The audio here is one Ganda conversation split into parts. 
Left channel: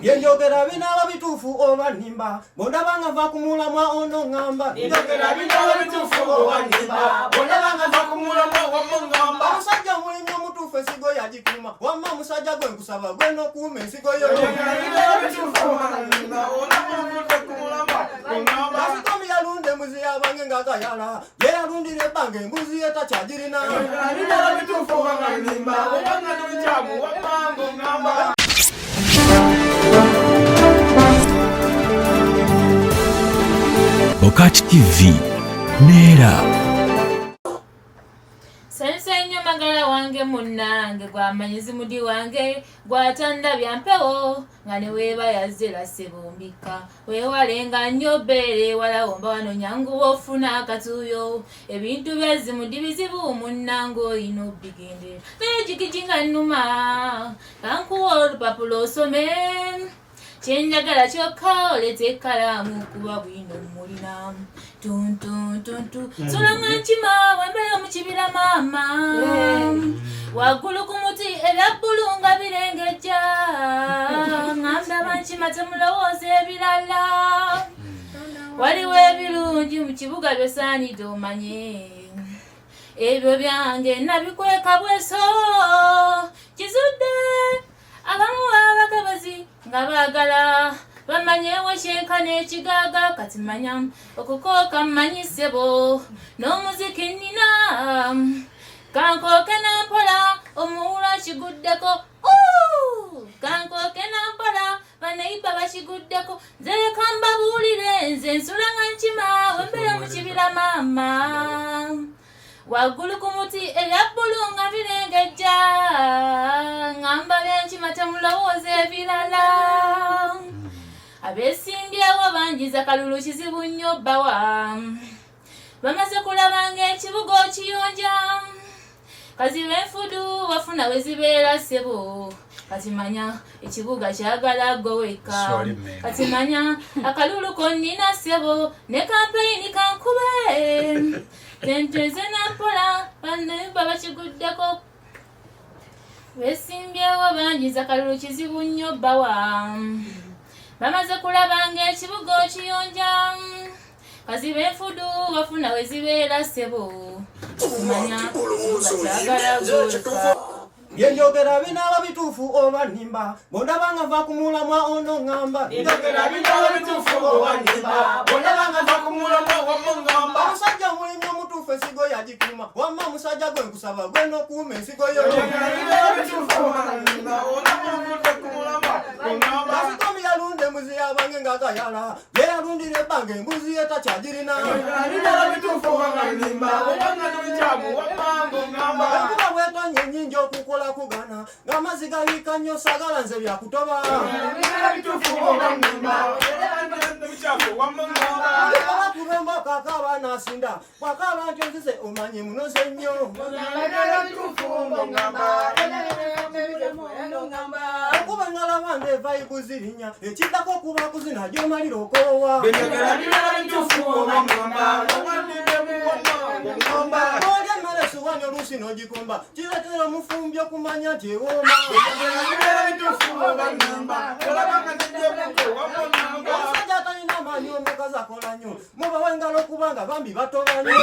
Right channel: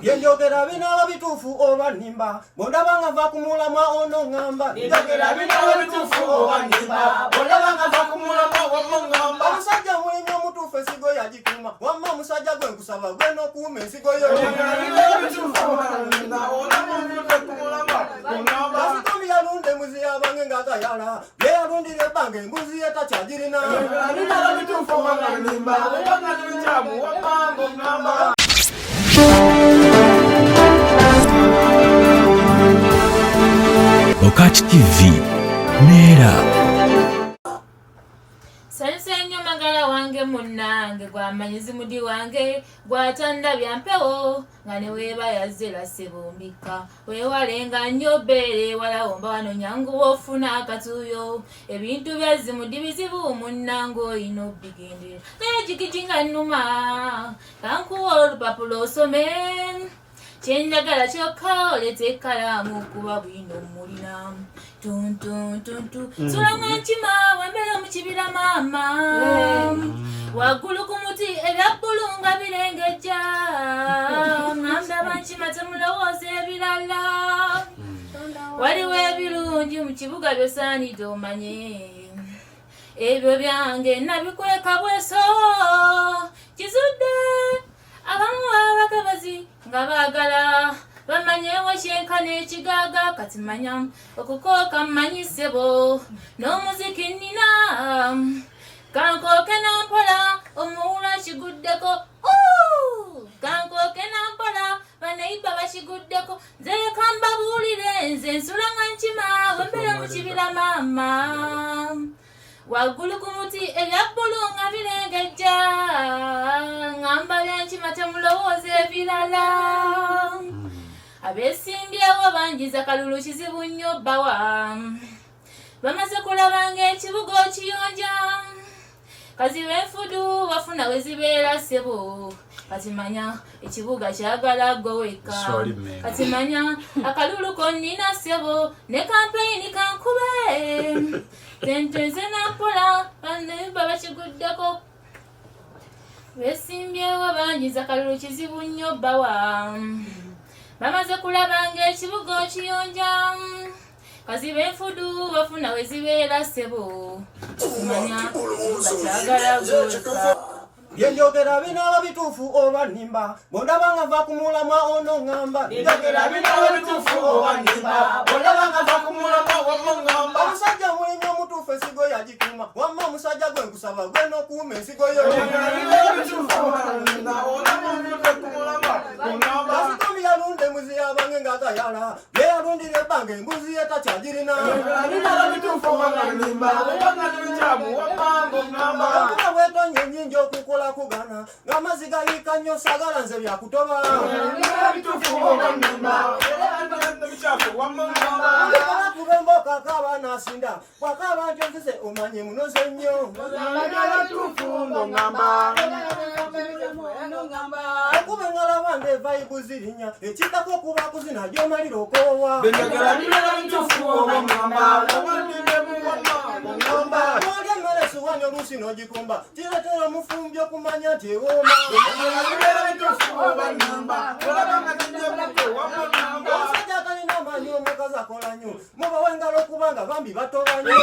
Byeyogera binaba bituufu oba nnimba bondaba nga nva kumulamwa ono ŋŋamba byeyogera binaba bituufu oba nnimba bondaba nga nva kumulamwa ono ŋŋamba omusajja mulimi omutuufu ensigo yagikuuma wamma omusajja gwe nkusaba gwe n'okuuma ensigo yo kasitomi yalunda embuzi yabange ng'agayala ye yalundira ebbanga embuzi ye takyagirina Okati TV Neera Sensenyo magala wange munnange gwamanyizi mudi wange gwatanda byampewo nga ne weeba yazera sebumbika weewalenga nnyo bbeere wala womba wano nyangu wofuna akatuuyo ebintu byazimudi bizibu munnange oyina obigendera naye jigijinga nnuma kankuwa olupapula osome kyenjagala kyokka olete ekkalaamu kuba bwino mulina tuntuntuntu sulamu enkima wembeera mu kibira maama waggulu ku muti ebya bbulu nga birengejja ŋŋambye abankima temulowooza ebirala waliwo ebirungi mu kibuga byosaanidde omanye ebyo byange nabikweka bweso kizudde abamu abagabazi nga baagala bamanyewo kyenkana ekigaaga kati manya okukooka mmanyisebo n'omuziki nnina kankooke nampola omuwula kiguddeko kankooke nampola baneiba bakiguddeko nze leka mbabuulire nze nsula nga nkima wembeera mu kibira maama waggulu ku muti ebya bbulu nga birengejja ŋŋamba byankima temulowooza ebirala abeesimbyewo bangiza kalulu kizibu nnyo bbawa bamaze kulaba ng'ekibuga okiyonja kaziba enfudu bafuna we zibeera ssebo kati manya ekibuga kyagala gwe wekka kati manya akalulu konnina ssebo ne kampeyini kankube tenteze nampola bannemba bakiguddeko beesimbyewo bangiza kalulu kizibu nnyo bbawa bamaze kulaba ng'ekibuga okiyonja kaziba enfudu bafuna we zibeera ssebo kumanya bakyagala gweka byeyogera binaba bituufu oba nnimba bondaba nga nva kumulamwa ono ŋŋamba byeyogera binaba bituufu oba nnimba bondaba nga nva kumulamwa ono ŋŋamba omusajja mulimi omutuufu ensigo yagikuuma wamma omusajja gwe nkusaba gwe n'okuuma ensigo yo kasitomi yalunda embuzi yabange ng'agayala ye yalundira ebbanga embuzi ye takyagirina okuba bwetonye ennyingi okukola kugana ng'amazzi gayiika nnyo sagala nze byakutoba kubemba okakaaba n'asinda bwakaaba nti onzize omanye munoze nnyo okuba engala bange evayibu zirinya ekiddako okuba kuzina gy'omalira okoowa olya emmere esuwanya oluusi n'ogikomba kireetera omufumbi okumanya nti ewooma omusajja atalina amaanyi omukazi akola nnyo mubawe engalo okubanga bambi batoba nnyo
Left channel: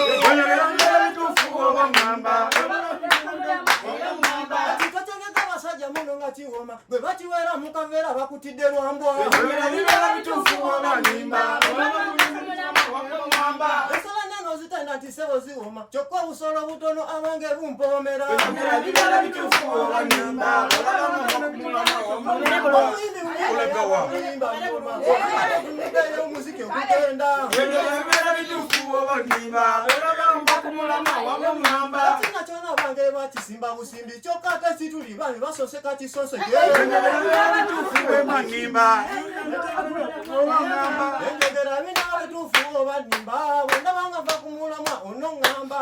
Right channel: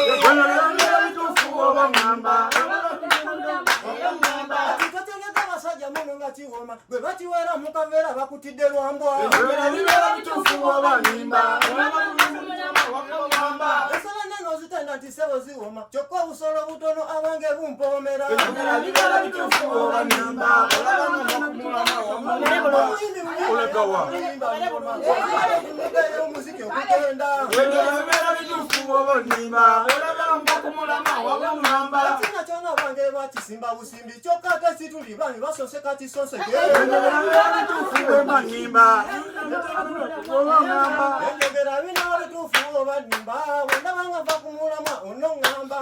kitotegeka abasajja muno nga kiwooma bwe bakiweera mu kaveera bakutidde lwambwa ensolo ennene ozitenda nti sebo ziwooma kyokka obusolo butono abange bumpoomera omuziki okugenda ekina kyona abange bakisimba busimbi kyokka ate situli bami basose kakisose enjogera binaba bituufu oba nnimba bwendaba nga nva kumulamwa ono ŋŋamba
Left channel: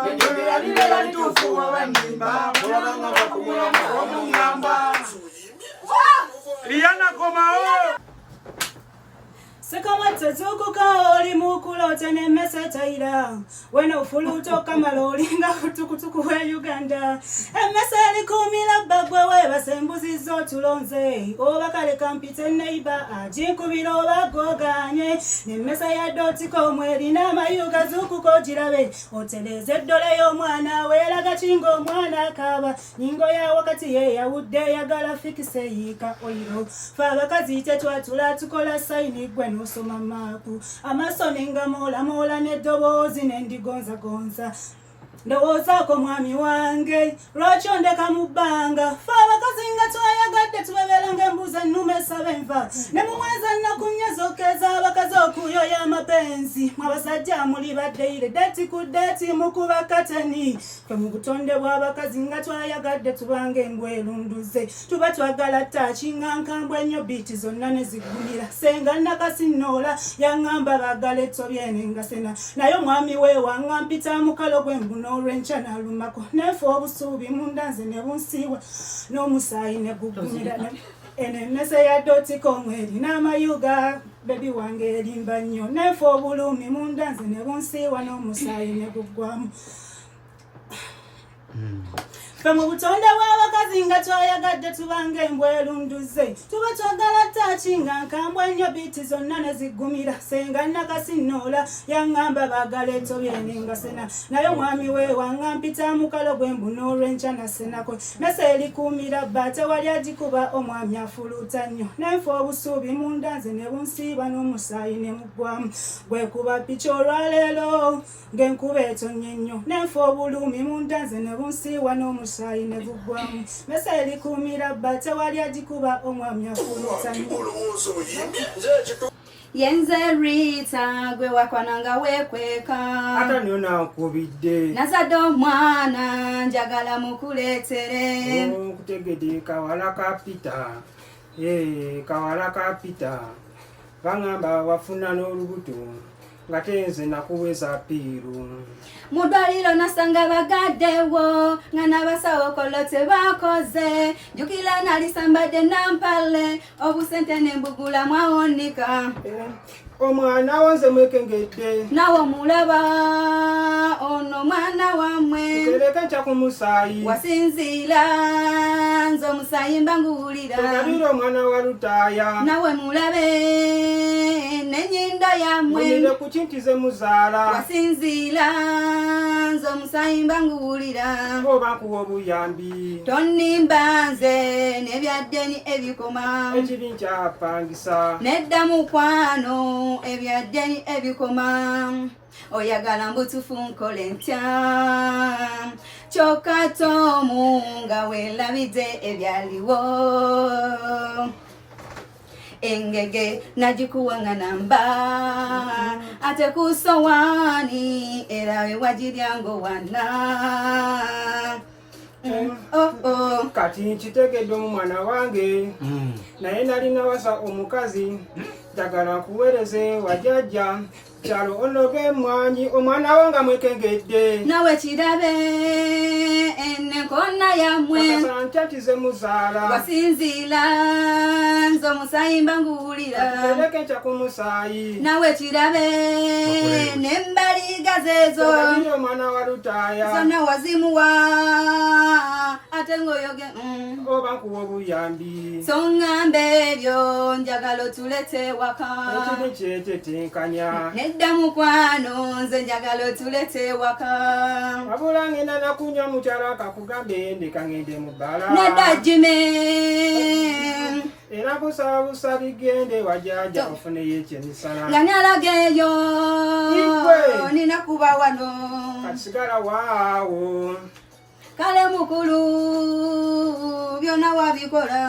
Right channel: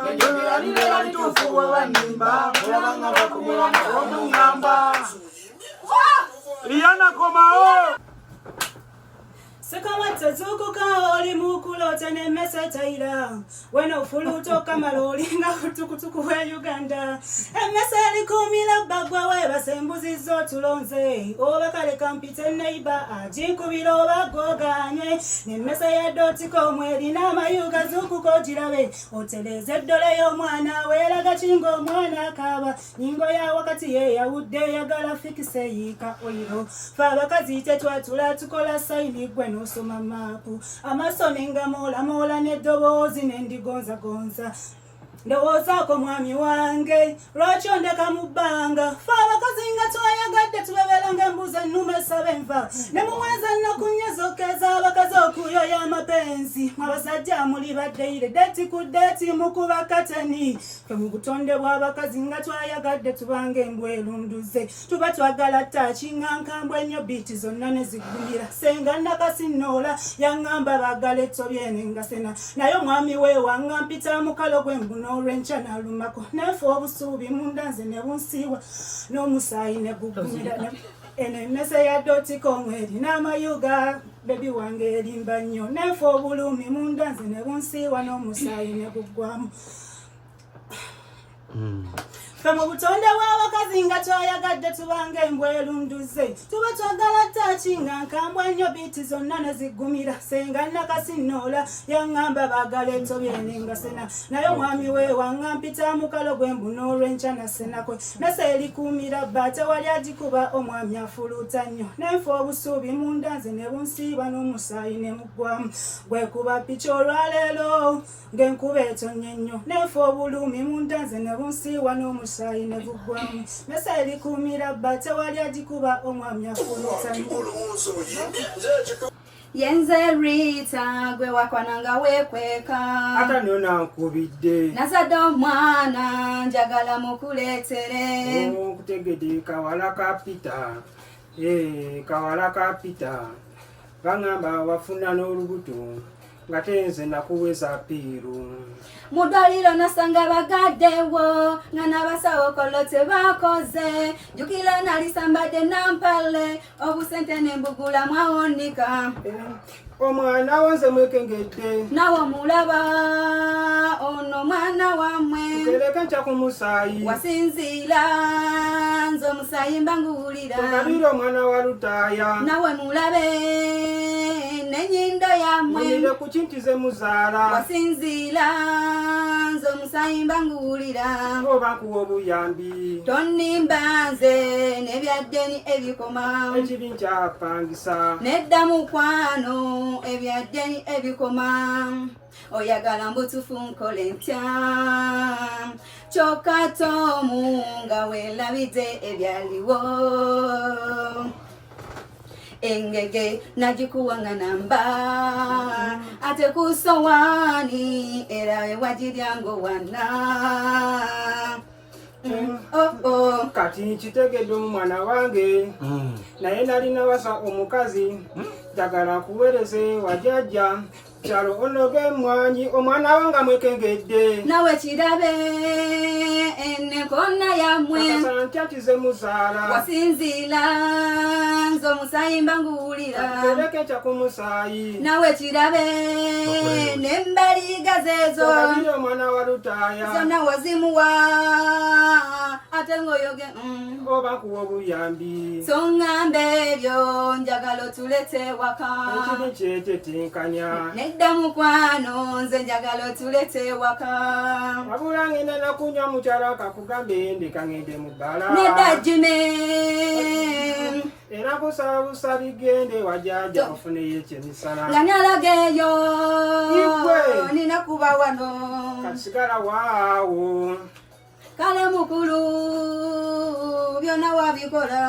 Liana komao Sekamata zukuka oli mukulote ne mesetaira weno fuluto kamalo olinga kutukutuku we Uganda emeseli kumila bagwa we basembuzi zo tulonze oba kale kampite neiba ajinkubira oba goganye ne mesa ya doti komweri na mayuga zukuko jirabe oteleze dole yo mwana wera gachingo mwana kaba nyingo ya wakati ye yawudde yagala fikise yika oiro faba kazite twatula tukola saini gwe nosoma mapu amasoni nga mola nedobozi nendigonza gonza ndowozako mwami wange lwaki ondeka mu bbanga faba kazinga twayagadde tubebelanga embuzi ennume sabenva ne muwenza nnakunyezokeza abakazi okuyoya amapenzi mwabasajja muli baddeire deti ku deti mukuba kateni fe mu butonde bw'abakazi nga twayagadde tubanga embwerunduze tuba twagala takinga nkambwe ennyo biiti zonna ne ziggumira senga nakasinoola yaŋŋamba bagala ettobyene nga sena naye omwami we waŋŋampita mukalo gw'embuno olwenca nalumako nefe obusuubi mundanze ne bunsiiwa n'omusaayi ne gugumira eno emmese ya dotiko omweri n'amayuga bebi wange erimba nnyo nefe obulumi mundanze ne bunsiiwa n'omusaayi ne guggwamu fe mu butonde bw'abakazi nga twayagadde tubanga embwerunduze tuba twagala takinga nkambwe ennyo biiti zonna ne ziggumira senga nakasinoola yaŋŋamba bagala ettobyene nga sena naye omwami we waŋŋampita mukalo gw'embuno olwenca nasenakwe mese erikuumira bba tewali agikuba omwami afuluuta nnyo nenfe obusuubi mundanze ne bunsiiba n'omusaayi ne muggwamu gwekuba piki olwaleero ng'enkuba etonnye nnyo nenfe obulumi mundanze ne bunsiiwa n'omusaayi ne buggwamu mese erikuumira bba tewali agikuba omwami afuluuta nnyo Yenze Rita gwe wakwananga wekweka ata niyo nankubidde nazadde omwana njagala mukuleetere kutegedde kawala ka Pita kawala ka Pita baŋŋamba wafuna n'olubuto nga tenze nakuweza piiru mudwaliro nasanga bagaddewo nga n'abasawo kolo tebakoze jjukira nalisambadde nampale obusente nembugula mwawonika omwana wanze mwekengedde nawe omulaba ono mwana wammwe kereka nca ku musaayi wasinziira nze omusaayi mba nguwulira ogabire omwana wa lutaaya nawe mulabe n'ennyindo yammwe mulire ku kintize muzaala wasinziira nze omusaayi mba nguwulira oba nkuwa obuyambi tonnimba nze n'ebyaddeni ebikoma ekibi nkyapangisa nedda mukwano ebyaddeni ebikoma oyagala mbutufu nkole ntya kyokka tomu nga weelabidde ebyaliwo engege nagikuwanga namba ate kusowaani era wewagiryango wana kati nkitegedde omwana wange naye nalina wasa omukazi njagala nkuweereze wajjajja kyalo onoge emwanyi omwana wo nga mwekengedde nawe kirabe enekonna yammwe nkyatize muzaala wasinziira nze omusaayi mba nguwulira tereke nca ku musaayi nawe kirabe n'embaliga zeezo ogabire omwana wa lutaaya zonna wazimuwa ate ng'oyoge oba nkuwa obuyambi so ŋŋamba ebyo njagala otulete waka ekibi kyekyetenkanya nedda mukwano nze njagala otulete waka wabula ngenda nakunywa mukyala akakugambe ndeka ngende mu bbala nedda jime era kusaba busabi gende wajjajja ofuneyo ekyemisala nga nalaga eyo Igwe. nina kuba wano kasigala waawo kale mukulu byonna wabikola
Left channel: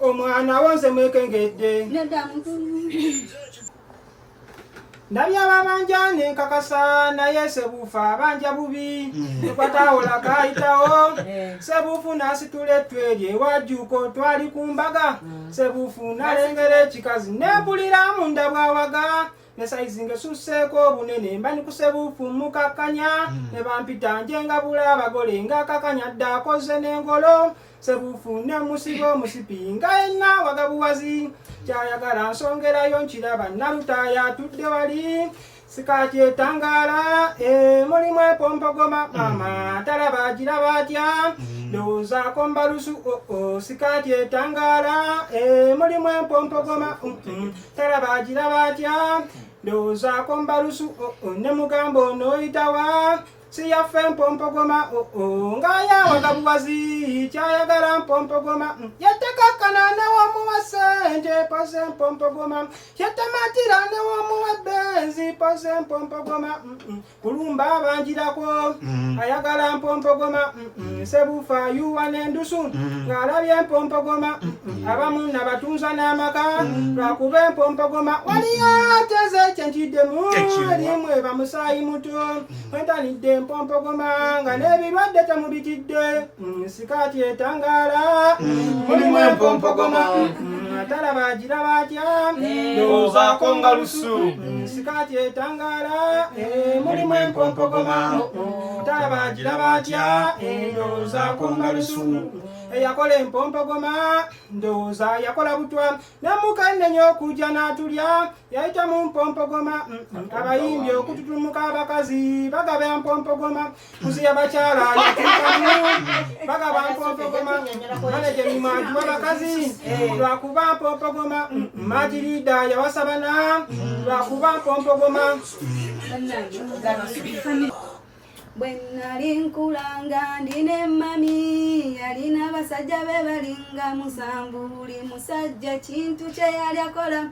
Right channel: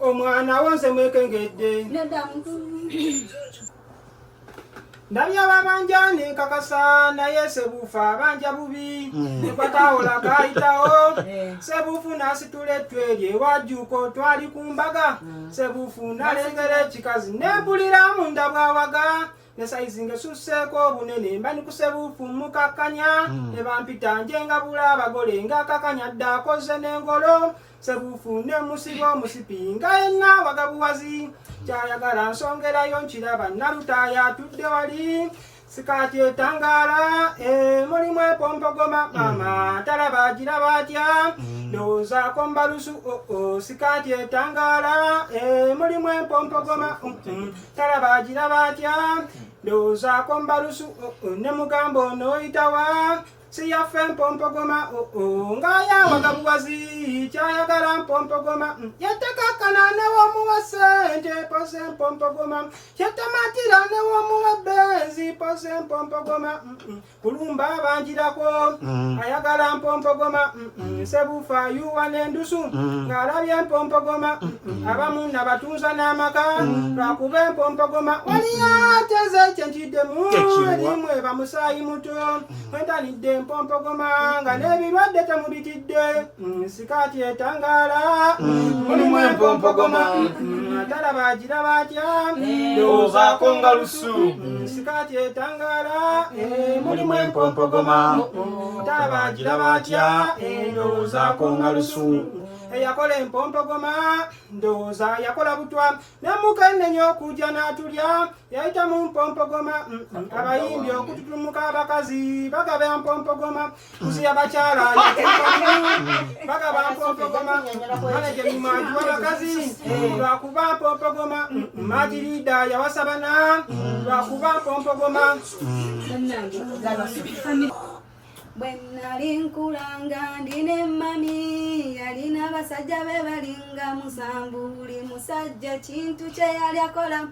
omwana wonze mwekengedde nedda mukulu ndabya babanja nenkakasa naye sebuufa abanja bubi tukwatawola kayitawo sebuufu nasitula ettwerye ewajjuuko twali ku mbaga sebuufu nalengera ekikazi nebulira munda bwawaga ne saizi ngesusseeko obunene mba nikusebuufu mukakanya ne bampita njengabula abagole ngakakanya dda akoze n'engolo sebuufu ne musibo musipi nga yenna wagabuwazi kyayagala nsongerayo nkiraba nalutaaya atudde wali sikati etangala mulimu epompogoma mama talaba agiraba atya ndowoozaako mbalusu sikati etangala mulimu empompogoma talaba agiraba atya ndowoozaako mbalusu ne mugamba onooyitawa siyaffe mpompogoma ng'ayawaga buwazi kyayagala mpompogoma yatekakkana newomuwa ssente pose mpompogoma yatamatira newomuwa benzi pose mpompogoma kulumba abanjirako ayagala mpompogoma sebuufa yuwa n'endusu ng'alabye mpompogoma abamu nabatunza n'amaka lwakuba empompogoma waliyo ateze kyenkiddemu erimu eba musaayi muto wentanidde mpompogoma nga n'ebirwadde temubitidde sikati etangala mulimu empompogoma talaba agiraba atya ndowoozaako nga lusu sikati etangala mulimu empompogoma talaba agiraba atya ndowoozaako nga lusu eyakola empompogoma ndowooza yakola butwa nemukennenya okujja n'atulya yayita mu mpompogoma abayimbi okututumuka abakazi bagaba mpompogoma kuzi abakyala yakukamu bagaba mpompogoma manaje mimanju abakazi lwakuba mpompogoma majirida yawasabana lwakuba mpompogoma bwe nali nkulanga ndine mami yalina basajja be balinga musanvu buli musajja kintu kye yali akola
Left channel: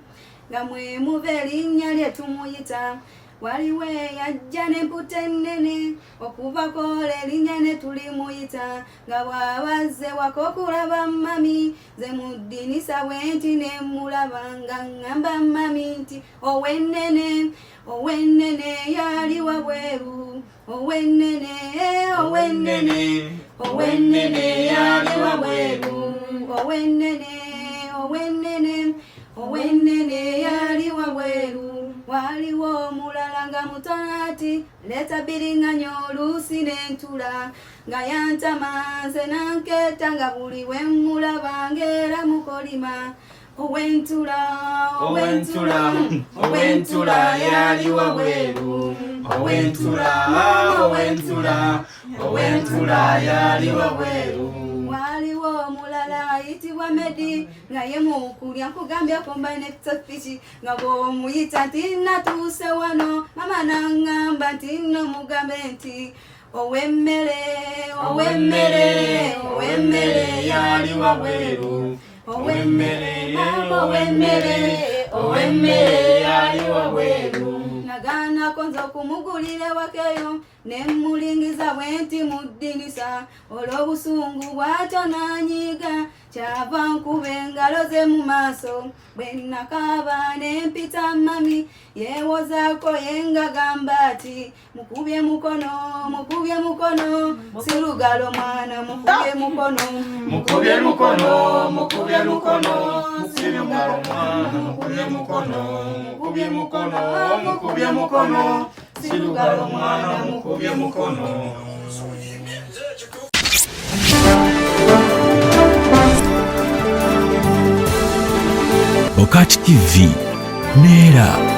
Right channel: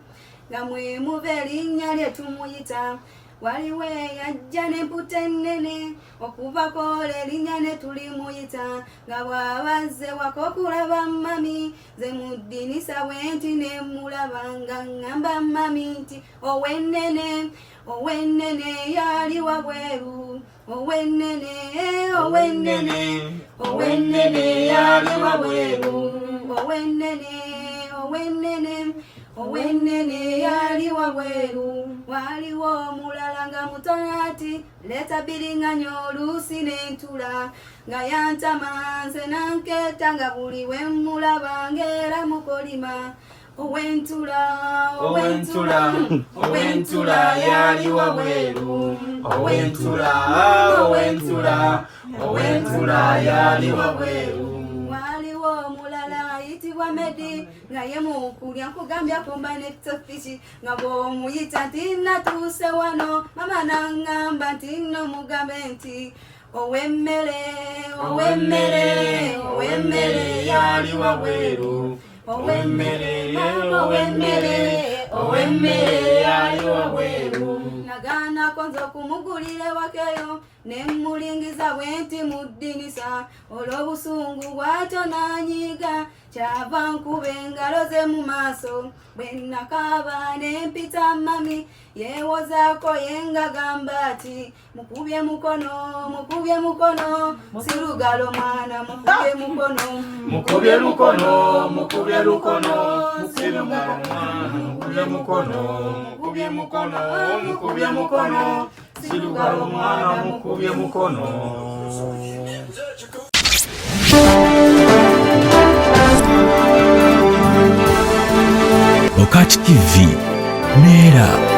nga mwemuva erinnya lye tumuyita waliwo yajja n'emputa ennene okubakola erinnya ne tulimuyita nga bw'abazze waka okulaba mami ze muddinisa bwenti ne mulaba nga ŋŋamba mami nti owennene owennene yali wabweru owennene owennene owennene yali wabweru owennene owennene owennene yali wabweru waliwo omulala nga mutono ati leeta biriŋŋanya oluusi n'entula nga yantama nze nankeeta nga buli we mmulaba ng'era mukolima owentula owentula owentula yali wabweru owentula owentula owentula yali wabweru waliwo omulala ayitibwa Medi nga ye mukulya nkugambye akomba n'ettopiki nga bw'omuyita nti natuuse wano mama naŋŋamba nti nno mugambe nti owemmere owemmere owemmere yali wabweru owemmere owemmere owemmere yali wabweru nagaanako nze okumugulira ewakeyo ne mmulingiza bwenti mu ddinisa olw'obusungu bw'atyo n'anyiiga kyava nkuba engalo ze mu maaso bwe nakaaba ne mpita mami yeewozaako ye ngagamba ati mukubye mukono mukubye mukono sirugalo mwana mukubye mukono mukubye lukono mukubye lukono sirugalo mwana mukubye mukono mukubye mukono mukubye mukono sirugalo mwana mukubye mukono. Bokati TV Neera.